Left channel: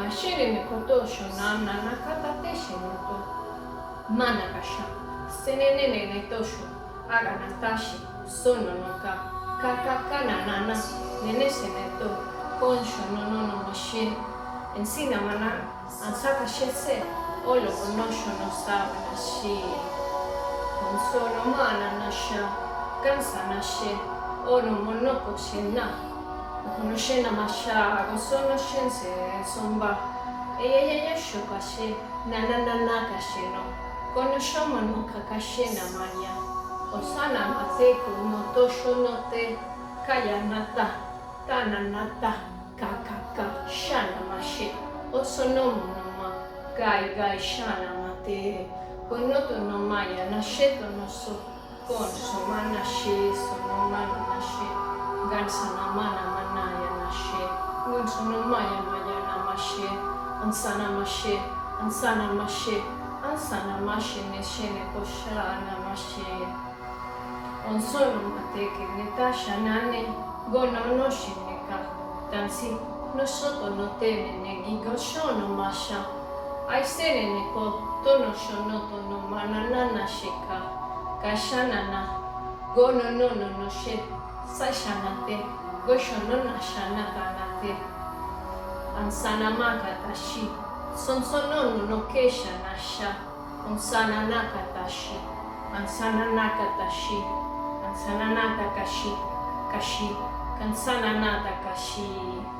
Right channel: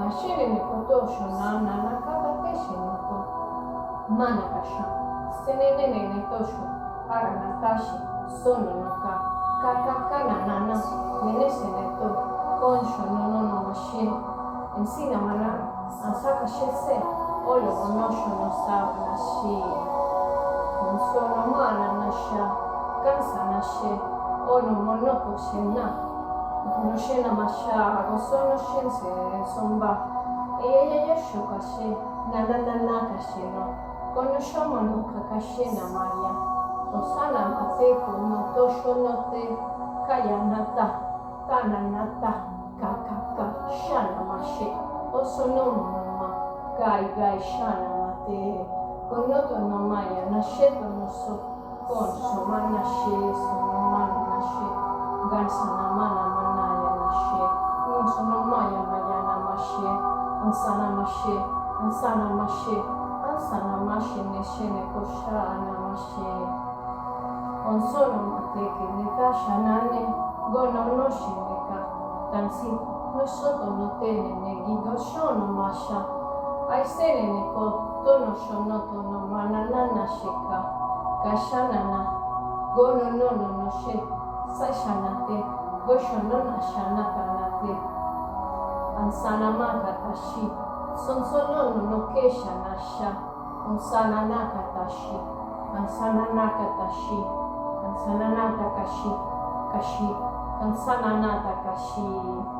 Mashirimi kotosho na nakata teshi noto manakasha senenene netosho aranatashi sono noka kakakana nana nenese neto konsho no mashin ensina mana ansaka shese olo monosho no sabe nashi konsono mana nasha kansa nashe olo monoko shena Konoshena masha, gosono shense somba. Eya shokashe, na kashe no. Konoshomo no kakashe na maya. Osana mateko no tosho no te. Kaya nata, tana nata, kakaka, shana mashe. Osonomo no ma, gai shana mate. Konoto no maya, nasheto no so. Konso mana she, sono mana nashe. Gansana mana manaya nashe, Unsono maya namashe, Ansana mashe, Ansana mashe neshene koshana mashe. Onsono mateke netasha nane, Gona no shineka, Tansi no soto no tene ne gigoshono masha. Aisene neko, tono shonoto no mananana sheka, Kashanana, Gono no she. Sashanate, Goshonona Shanakanate, Ansana Makatashi, Sonsonono no Kesha Nasha, Ansana Nakatashi, Ansana Nakatashi, Ansana Nakakashi, Kashi, Kansana Natakashi.